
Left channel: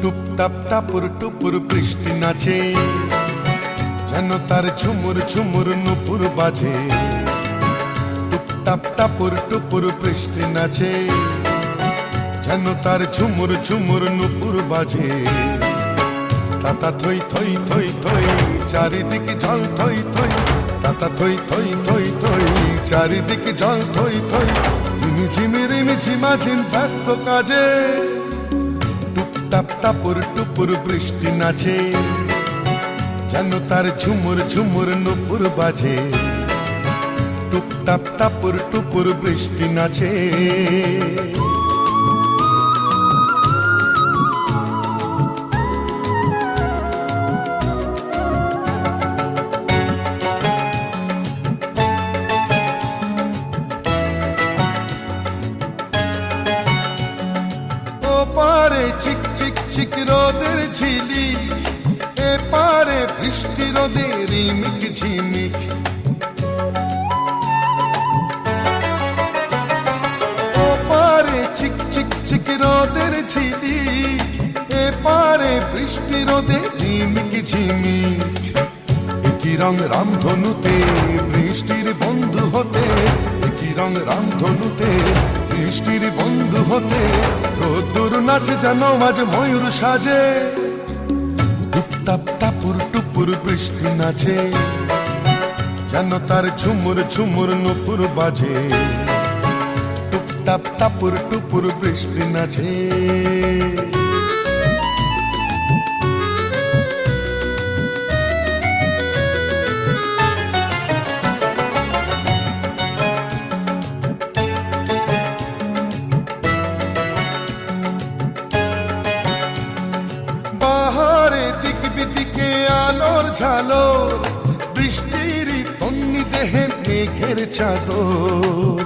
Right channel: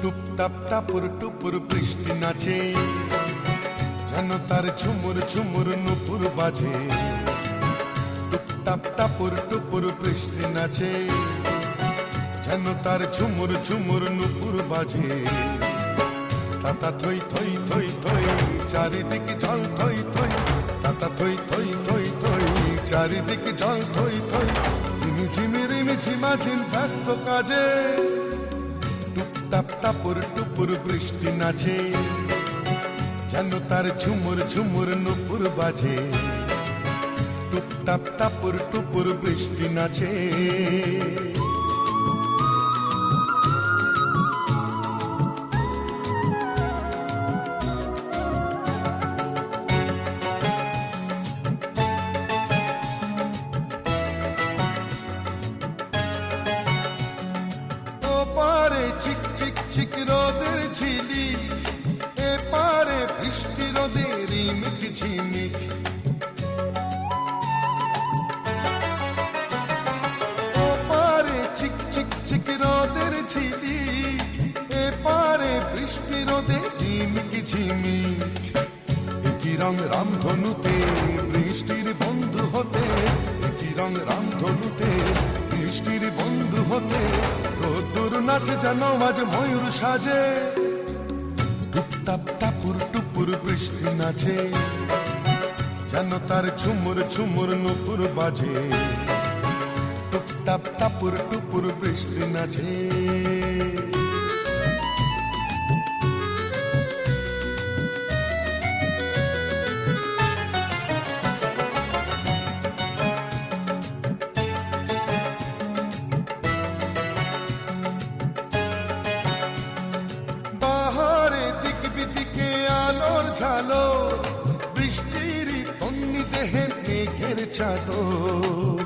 টুপটাপ টাপুর টুপুর বৃষ্টি নাচে, যেন তার ঝুমুর ঝুমুর নুপুর বাজে। টুপটাপ টাপুর টুপুর বৃষ্টি নাচে, যেন তার ঝুমুর ঝুমুর নুপুর বাজে। তাতা থই থই থই থই চারিদিকে জল থই থই, তাতা থই থই থই থই চারিদিকে জল থই থই। রিমিঝিমি রিমিঝিমাঝিম ব্যস্ত কাজে, টুপটাপ টাপুর টুপুর বৃষ্টি নাচে, যেন তার ঝুমুর ঝুমুর নুপুর বাজে। টুপটাপ টাপুর টুপুর বৃষ্টি নাচে। পারে চিক চিক চিক রোদের ঝিলি, এ পারে বৃষ্টি রোদের রিমিক ঝিমিক। ও পারে চিক চিক চিক রোদের ঝিলি, এ পারে বৃষ্টি রোদের রিমিক ঝিমিক। একই রং রামধনুতে বৃষ্টির বন্ধু হতে, একই রং রামধনুতে বৃষ্টির বন্ধু হতে। রোদ্দুর নাচে যেন আজ ময়ূর সাজে, টুপটাপ টাপুর টুপুর বৃষ্টি নাচে, যেন তার ঝুমুর ঝুমুর নুপুর বাজে। টুপটাপ টাপুর টুপুর বৃষ্টি নাচে। দিকে আলোর ঝালোর, বৃষ্টির তন্নি দেহে মেঘের চাদর।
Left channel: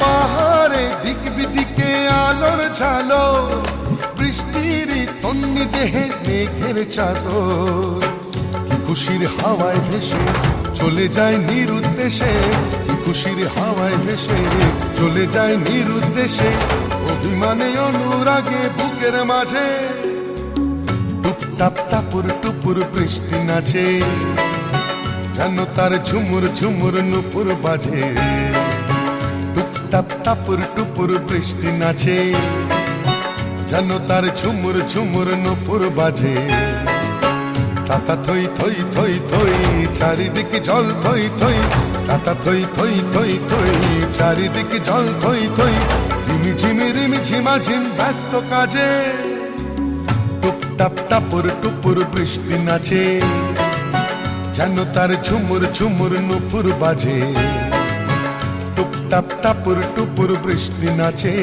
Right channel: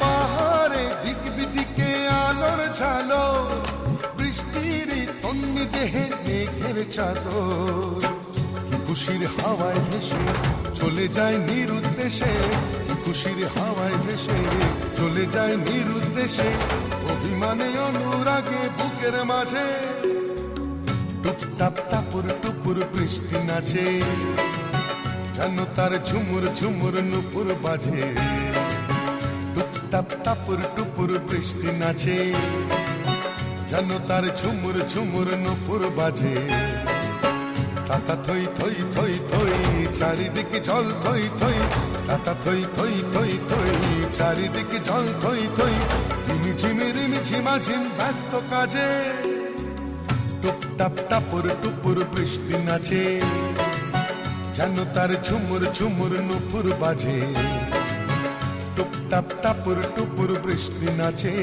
পাহাড়ে দিক বিদিকে আলোর ঝালোর, বৃষ্টির তন্নি দেহে মেঘের চাদর। খুশির হাওয়ায় ভেসে চলে যায় নিরুদ্দেশে, খুশির হাওয়ায় ভেসে চলে যায় নিরুদ্দেশে। অভিমানে অনুরাগে বুকের মাঝে, টুপটাপ টাপুর টুপুর বৃষ্টি নাচে, যেন তার ঝুমুর ঝুমুর নুপুর বাজে। টুপটাপ টাপুর টুপুর বৃষ্টি নাচে, যেন তার ঝুমুর ঝুমুর নুপুর বাজে। তাতা থই থই থই থই চারিদিকে জল থই থই, তাতা থই থই থই থই চারিদিকে জল থই থই। রিমিঝিমি রিমিঝিমাঝিম ব্যস্ত কাজে, টুপটাপ টাপুর টুপুর বৃষ্টি নাচে, যেন তার ঝুমুর ঝুমুর নুপুর বাজে। টুপটাপ টাপুর টুপুর বৃষ্টি নাচে।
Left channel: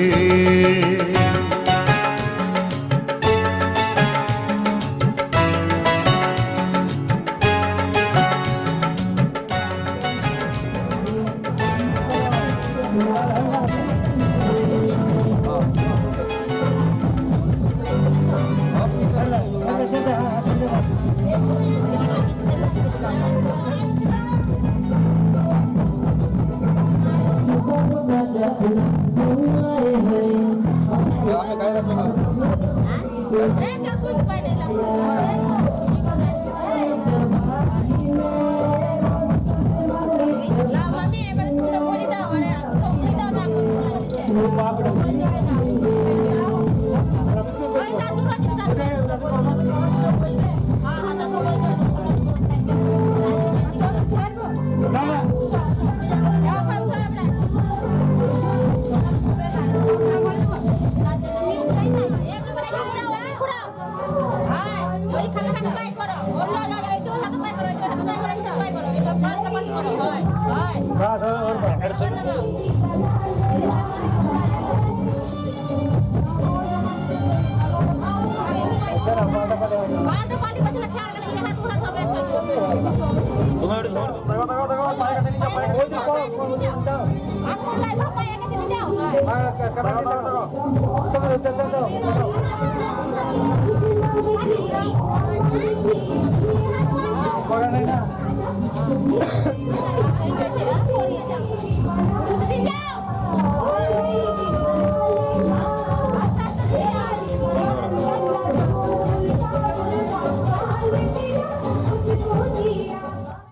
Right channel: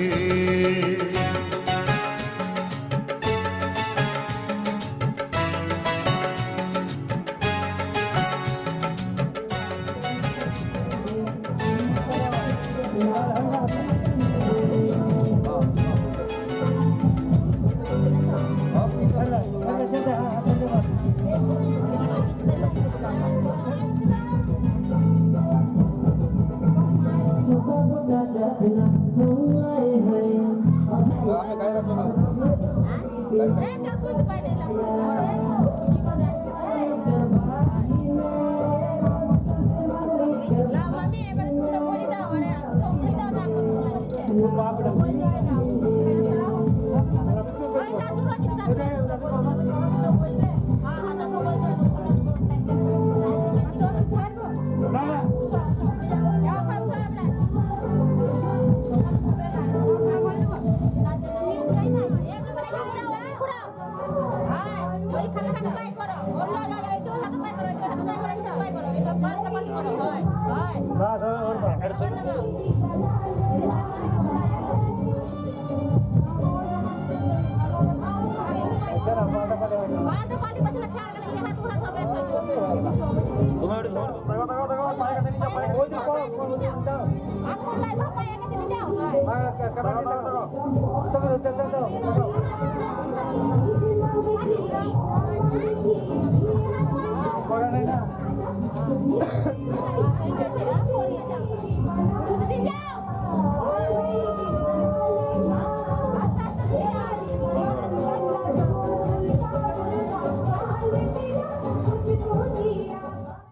Yeah.